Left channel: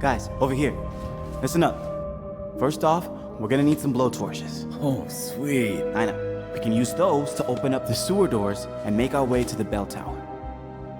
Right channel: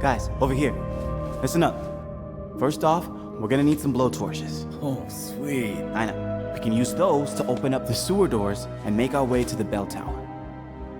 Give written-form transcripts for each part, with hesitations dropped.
Guys, over here. Listen up. First off, we're gonna need some blowtorches. Oh, sweet. I know. We can use those to open up the sewer doors and make our way to the bell tower.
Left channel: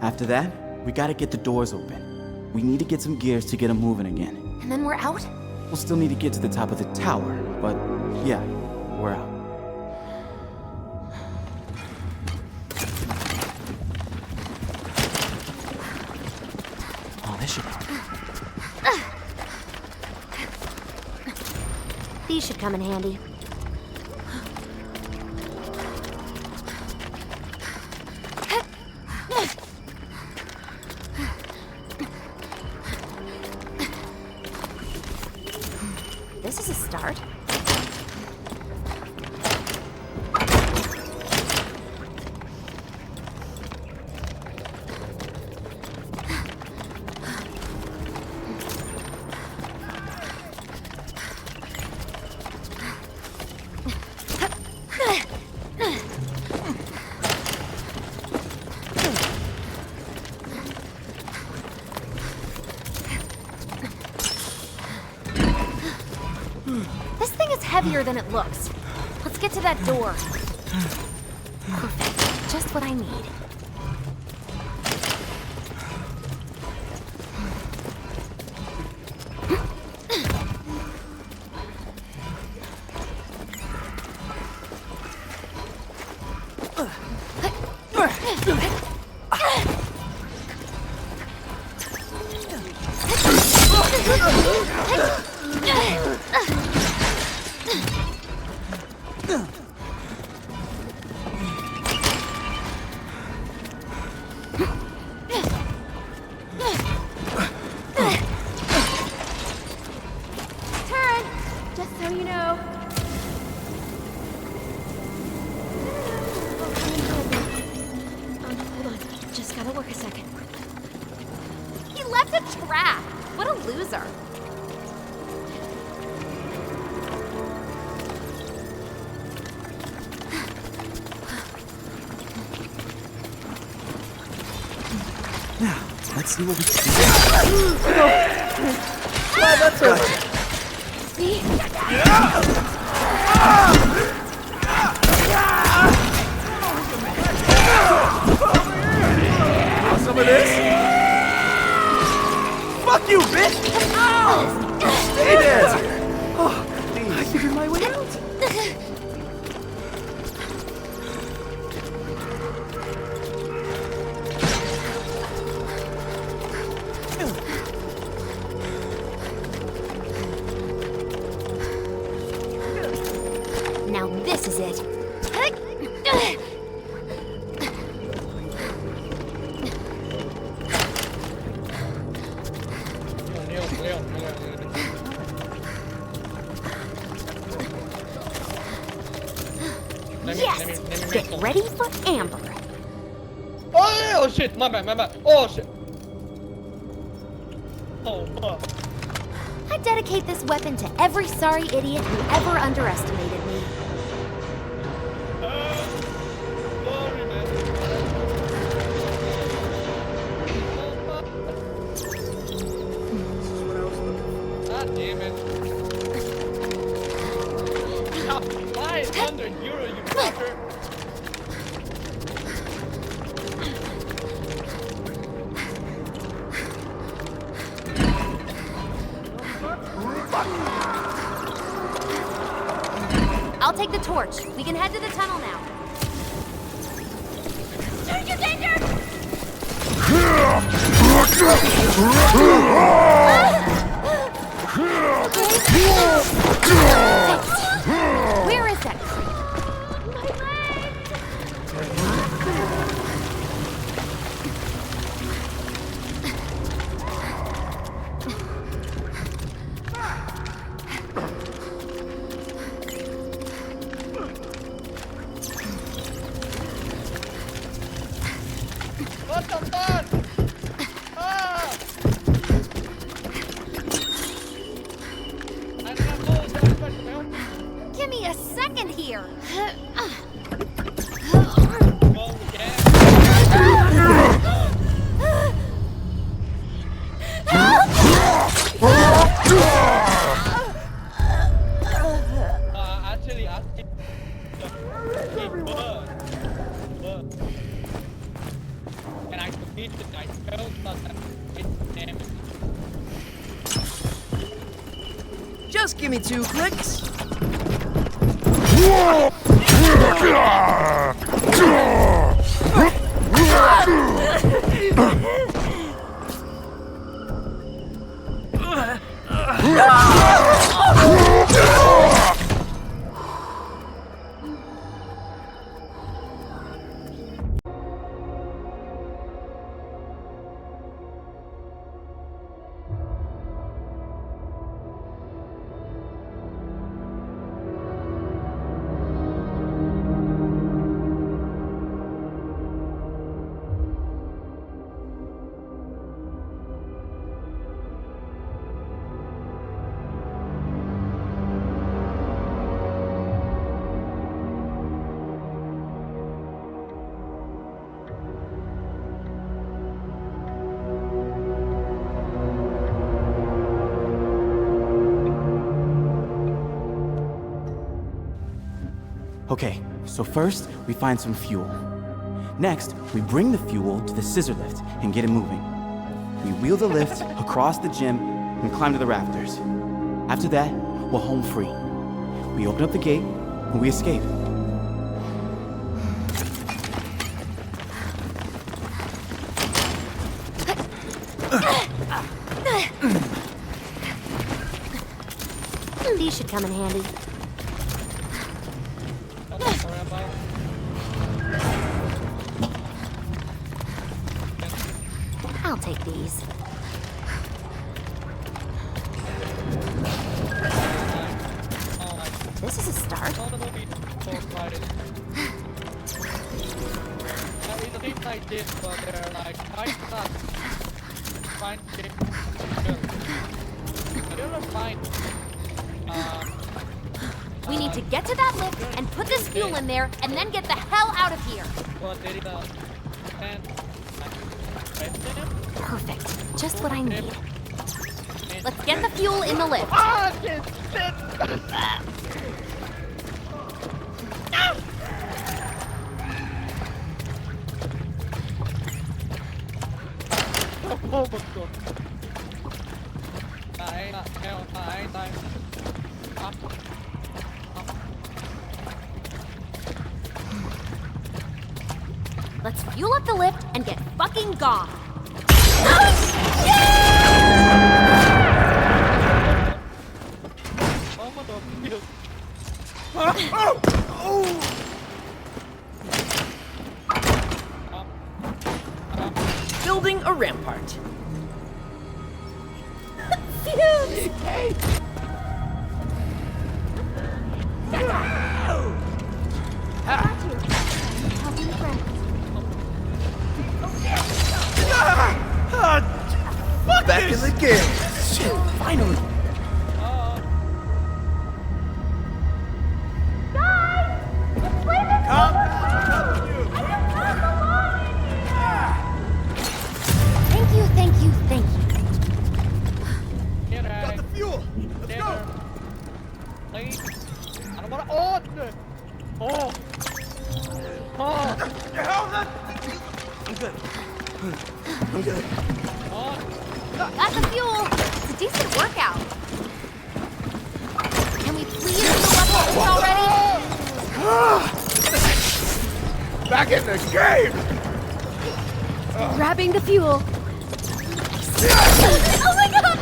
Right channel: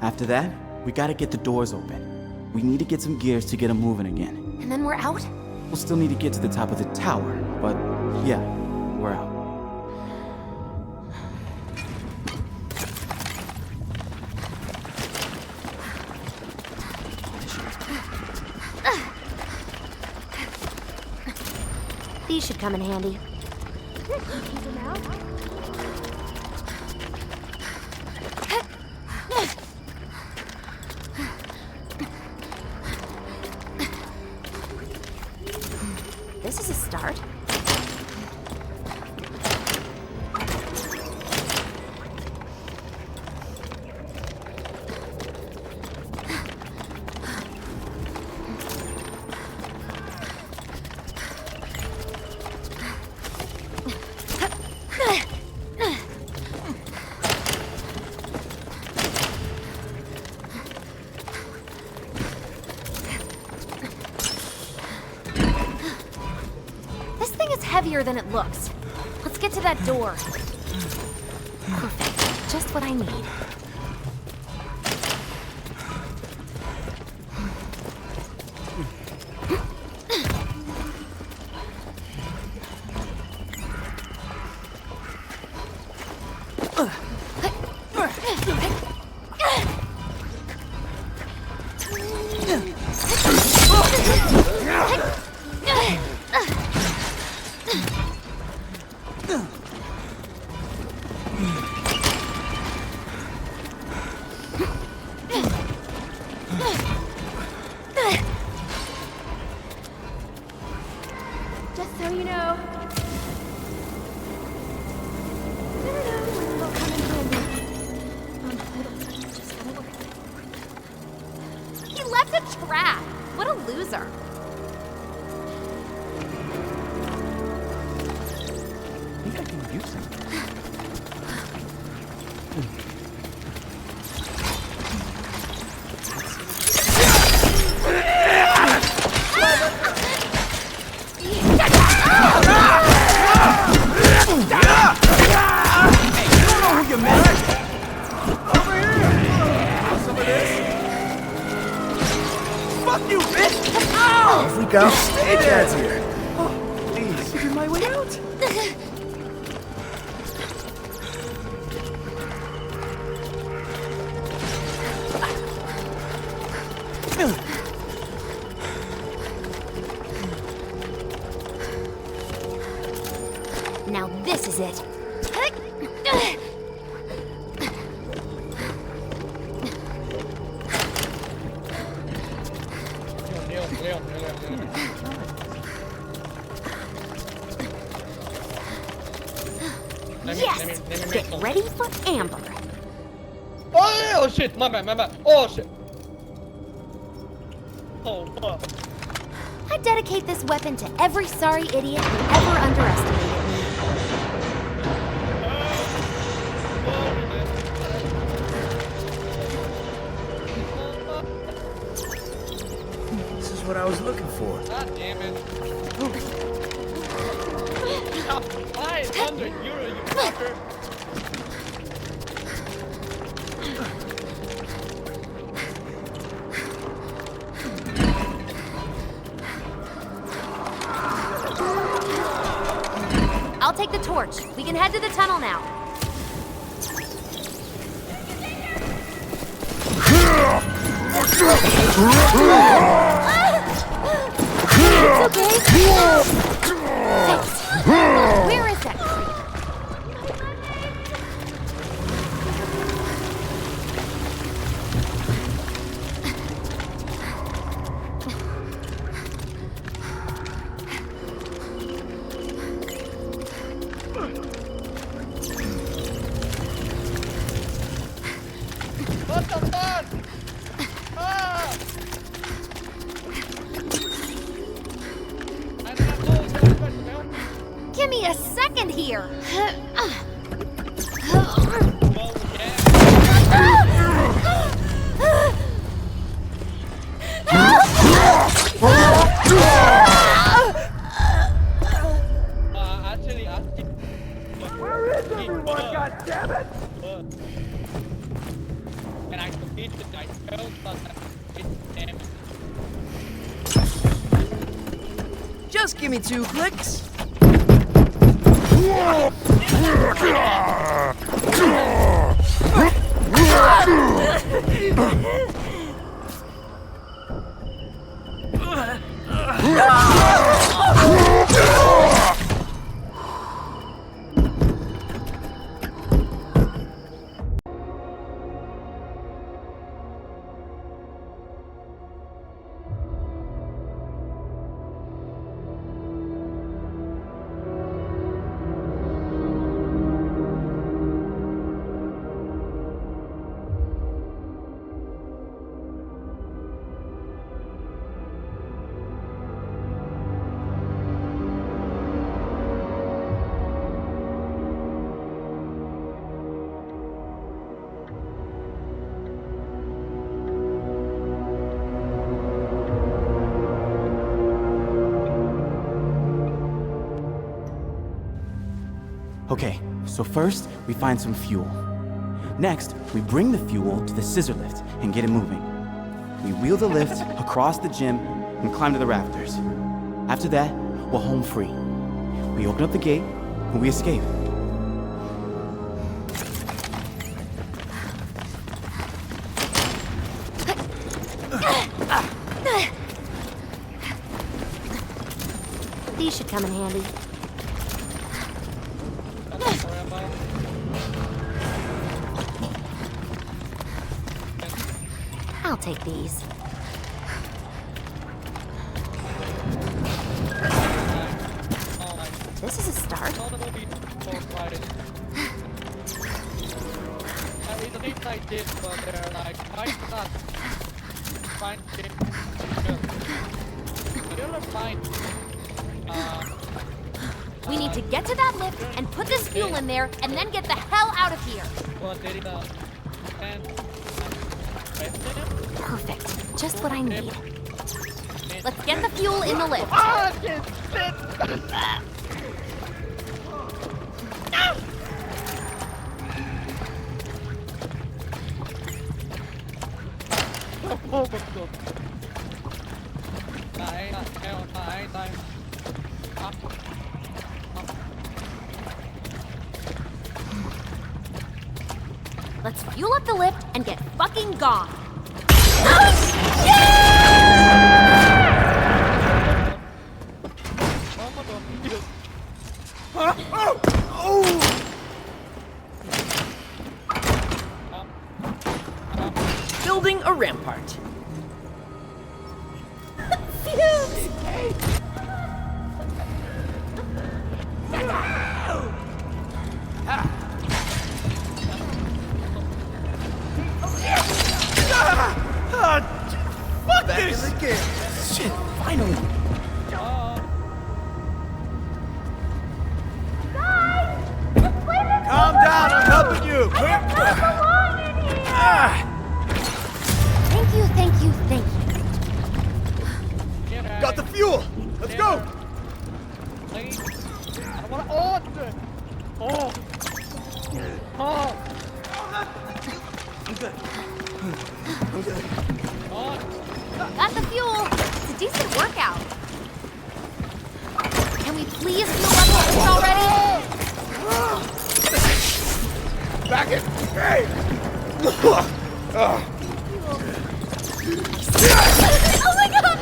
After that, we gotta get the doors open. We need to get some gears to get them moving again. And then we're out? We'll still need to get to the top of the tower, but yeah, we're out. Oh, this should be... These should come in handy. This is a start. Heavier than it looks. Let's get to that door. Perfect. Just what I need. Just so you know. Will come in handy. Hold on. Just gotta work a second. He left a trap! What a loser. Let's see what we Some of this? Fuck you, bitch! freak out. Stay there, here. Oh, please. I figured my way out. Now this is it. Yes! Get ready for Amber. Oh shit! My bad. Oh shit! Oh fuck. I dedicate this weapon to every sorry idiot who ever underestimated me. Sorry, man. This is what I was looking for. God damn it. 500 euro, you fucker. I'll take the torch. We can head to the tunnel now. Danger, danger! Where is that creep? What the fuck? Ah! I don't know what's going on. Give me a second here. Well, yeah. Help! Just give me 2 clicks. Okay, so first, we find some fuel. Next, we bring the fuel to the scissor lift and get it moving. We wheel the lift across the gym and climb to the rafters. After that, we're home free. We open up the gate and we escape. These should come in handy. I'll take these. This is a start. It's a thing like this, but they're like quite not fine. You'll find. We need to get to that lift and put this fuel in there and then get the hell out of here. Well, there is a and Perfect. Just what I need. Let's get the fuel in the lift. Oh my god. Này. Let's fuel up the lift and get fucking gone. Building a rampart. Back in the game. Shit, finally! Calm down, I'm helping you. Quick. Thank you. Got the fuel. Let's go. I don't wanna on. Oh. I'm good. On. Got the fuel. It's a decent workout. Can we please fuel up the lift already? Back in the game. Grabbing the fuel. Oh my god!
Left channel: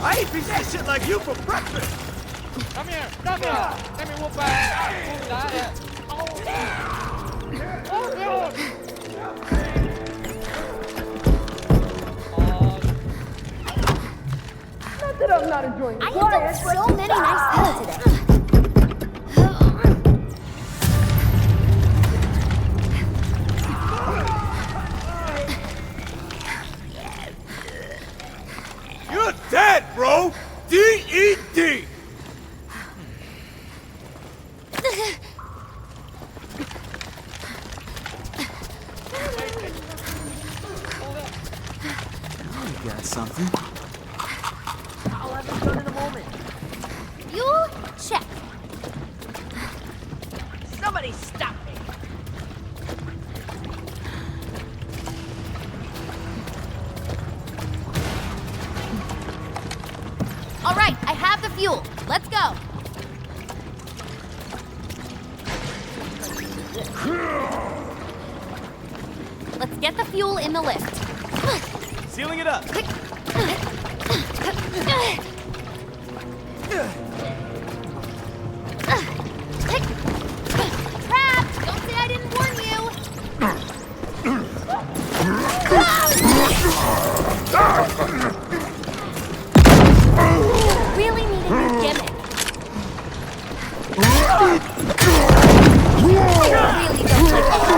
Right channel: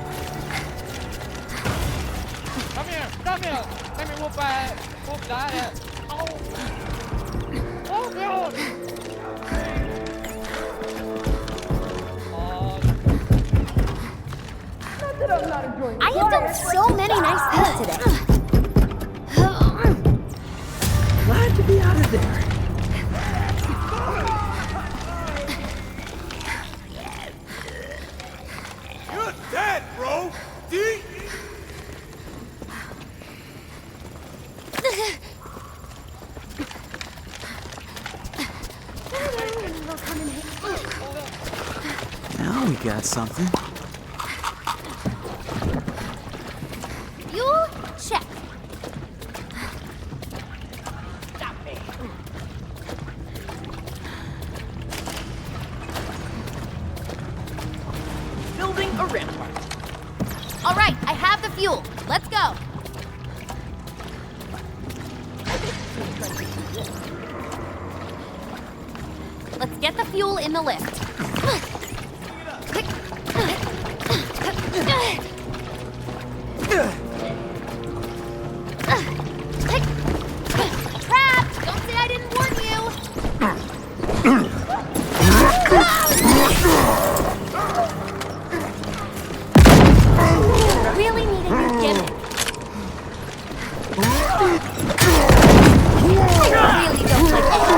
I ain't been that shit like you for breakfast. Come here. Let me whoop that. Oh god. I have done so many nice things today. Glad to be out of there. You're dead, bro. D-E-D. Now we got something. Fuel? Check. Somebody stop me. fuel. Let's go. Let's get the fuel in the lift. Sealing it up. Trapped! Don't say I didn't warn you! Really need a new gimmick. Really don't like it.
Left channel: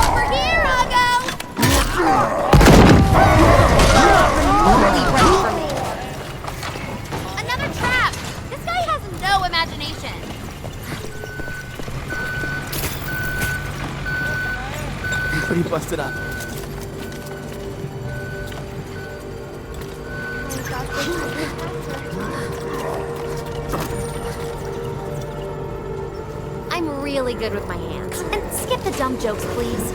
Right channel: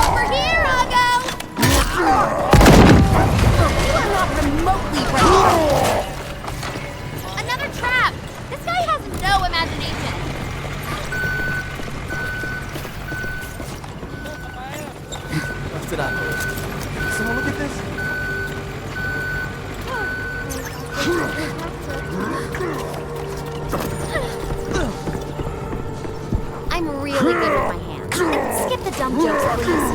Over here, Huggo! Not remotely right from me. Another trap! This guy has no imagination. Pretty busted up. So look at this. I'm really good with my hands. And skip the dumb jokes, please.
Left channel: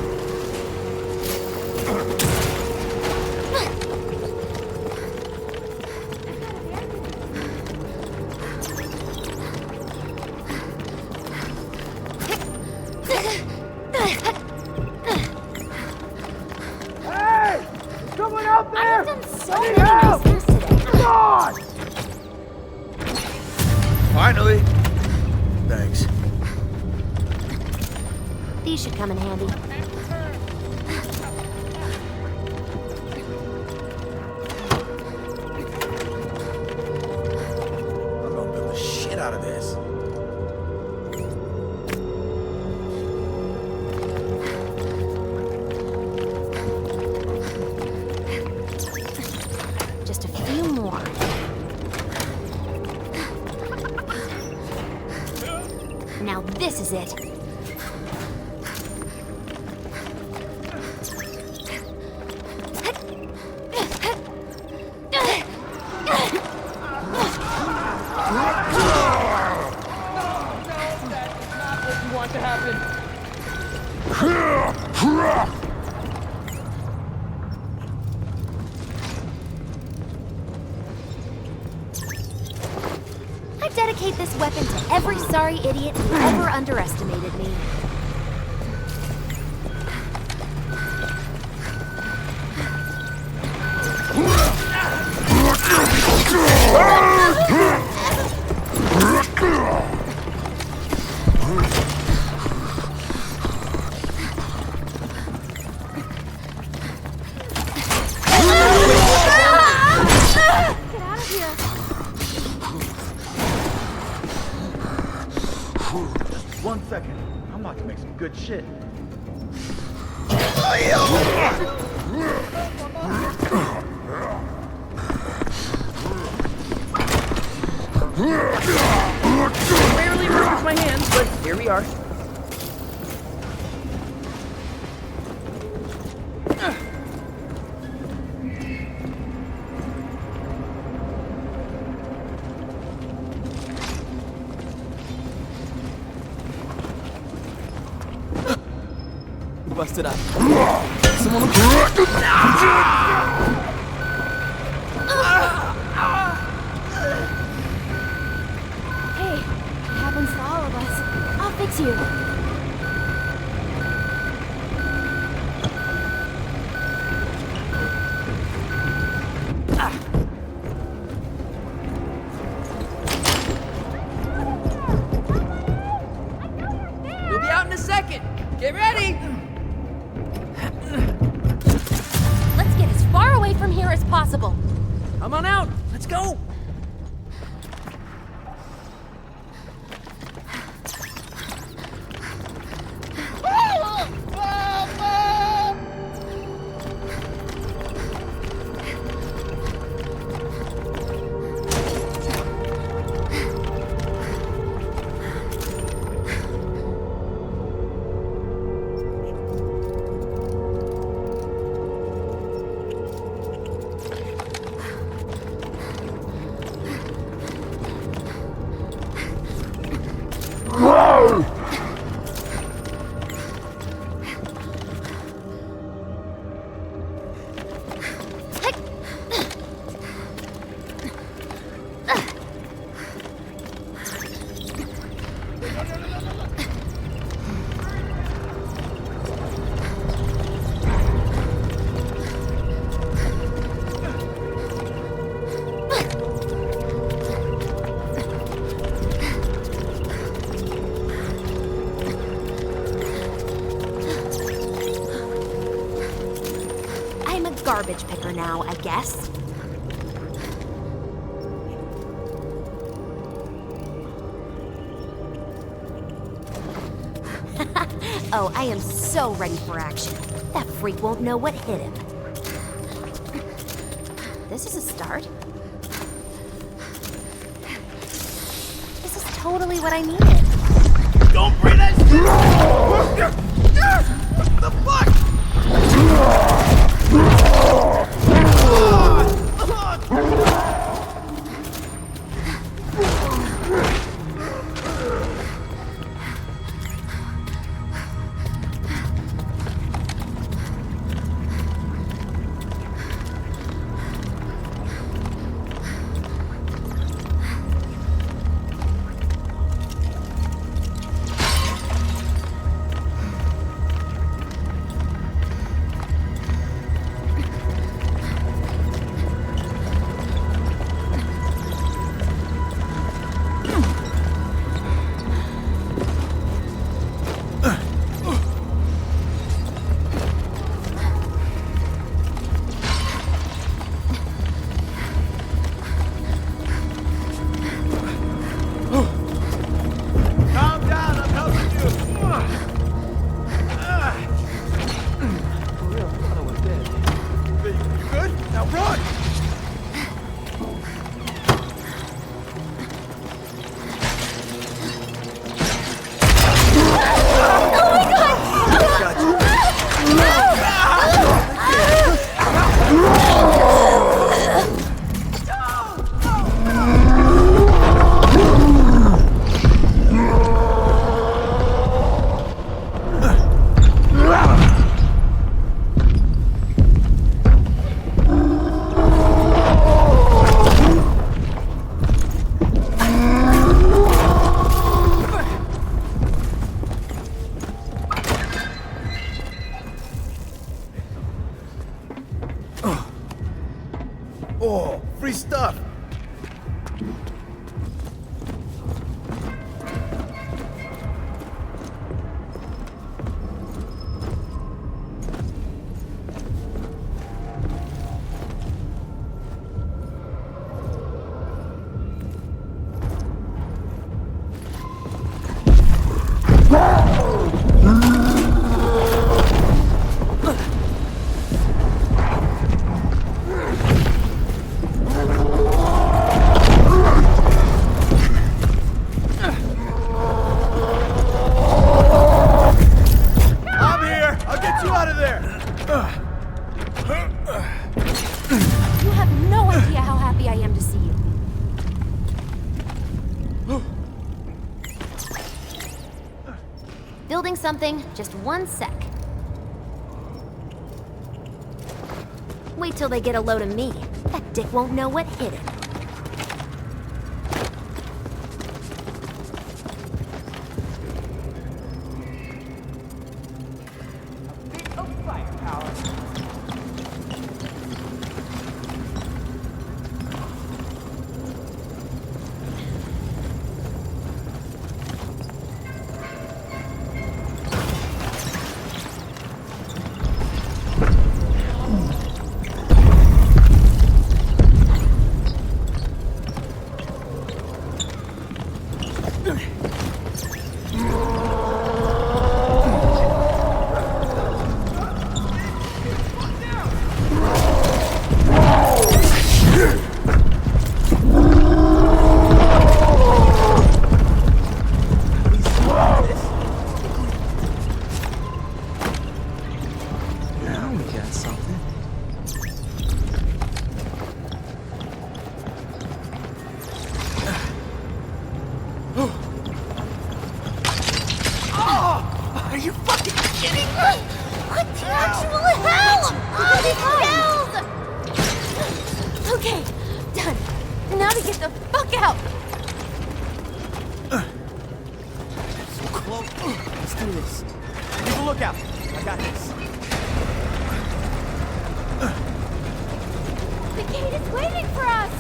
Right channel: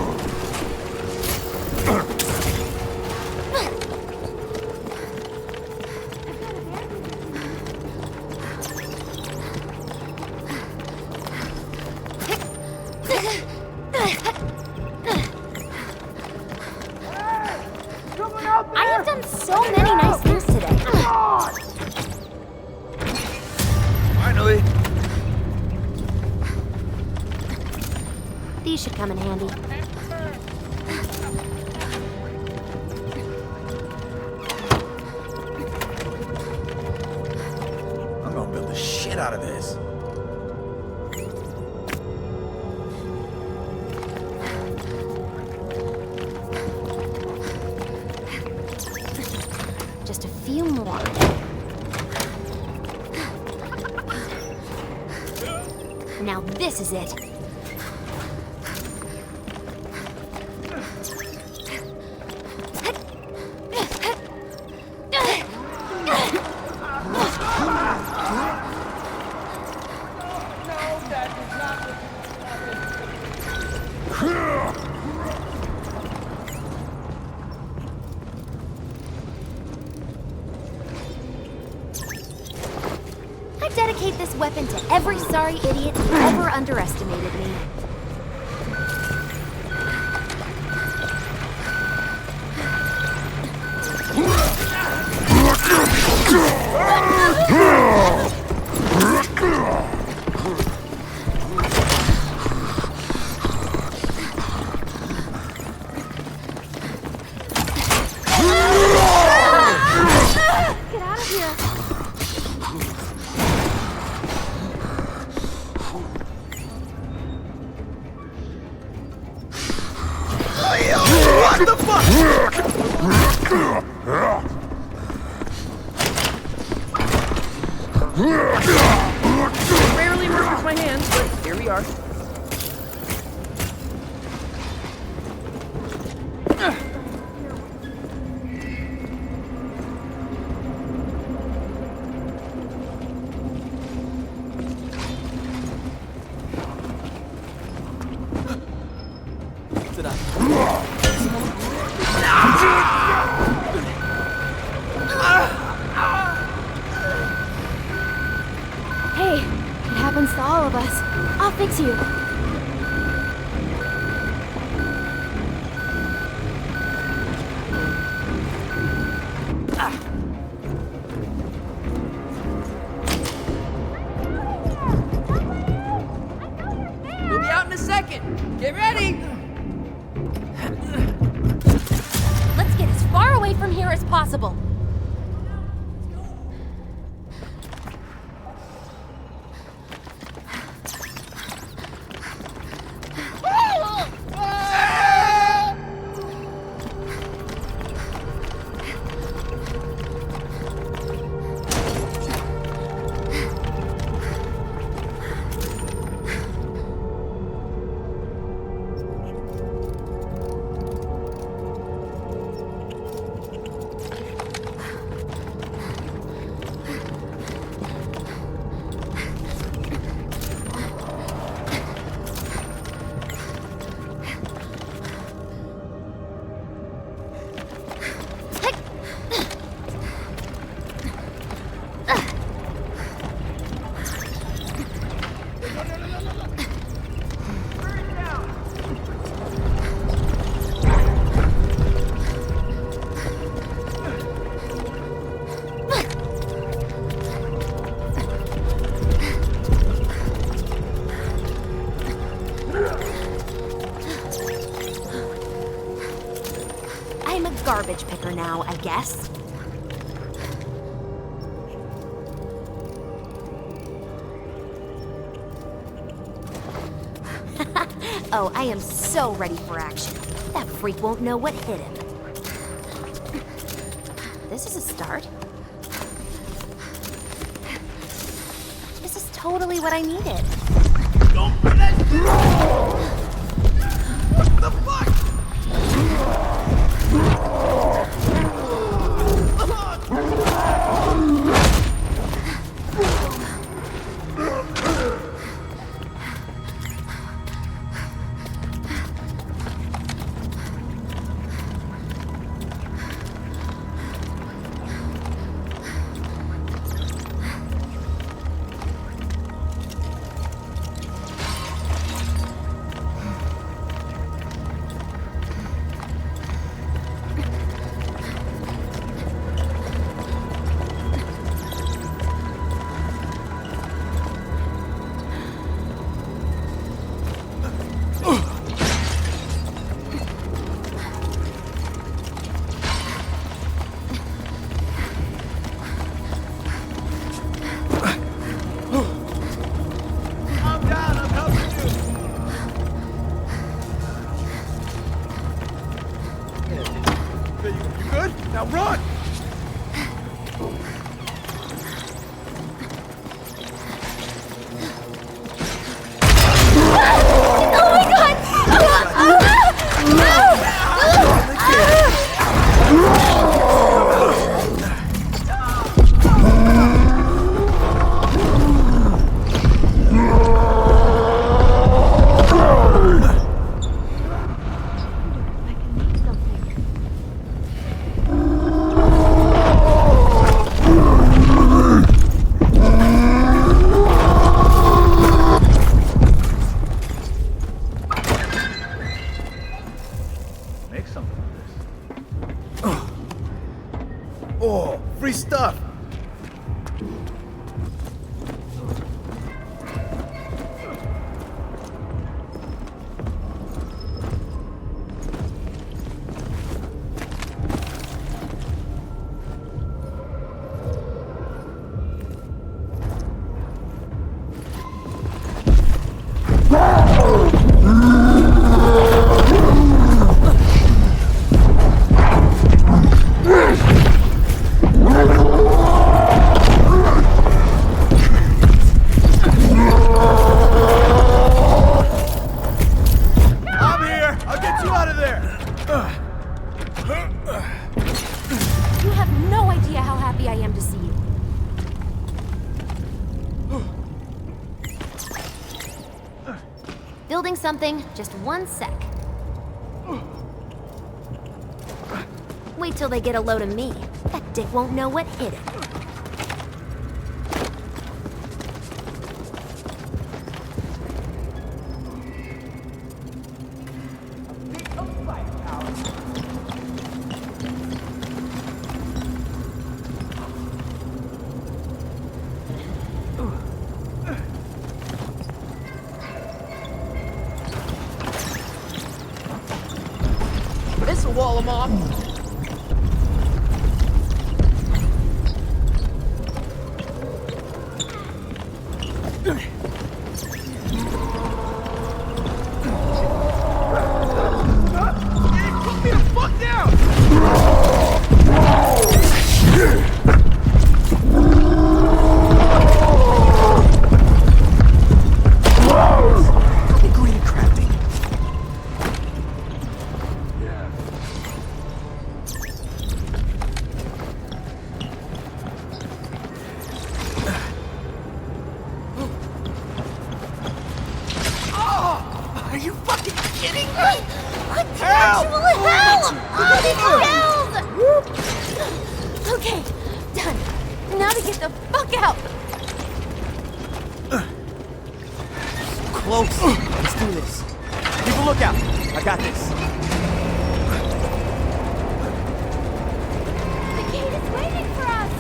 Someone out there! I have done so many nice things today. Finally. Thanks. These should come in handy. I'm gonna build the shit out of this. Just a few more. Now this is it. No, that is not what you want to happen. I dedicate this weapon to every sorry idiot who ever underestimated me. Get out of here! One second. I'm about to make some good shit. What the fuck? Rarely work with my hands, but here we are. Busted up. Hey, it happens to all of us. I'll fix you. We'll be out in a second. Get ready. Let's get as far away from here as possible. Come on out. Let's go. I'm a garbage picker now, I guess. Oh, I am so ready for action. That freak won't know what hit him. This is a start. This is totally what I needed. Don't bring that shit! What the fuck? Now run! Oh, free stuff! You have no idea how happy I am to see you. Building something, just one sec. Wait till they get a load of me. That dick won't know what hit him. This'll wall him off. Are you fucking kidding me? What the actual hell? Oh, these shells! Okay, done. Now to get the fuck out. So close. Let's do this. Keep a lookout. I got this. The gate is waiting for us.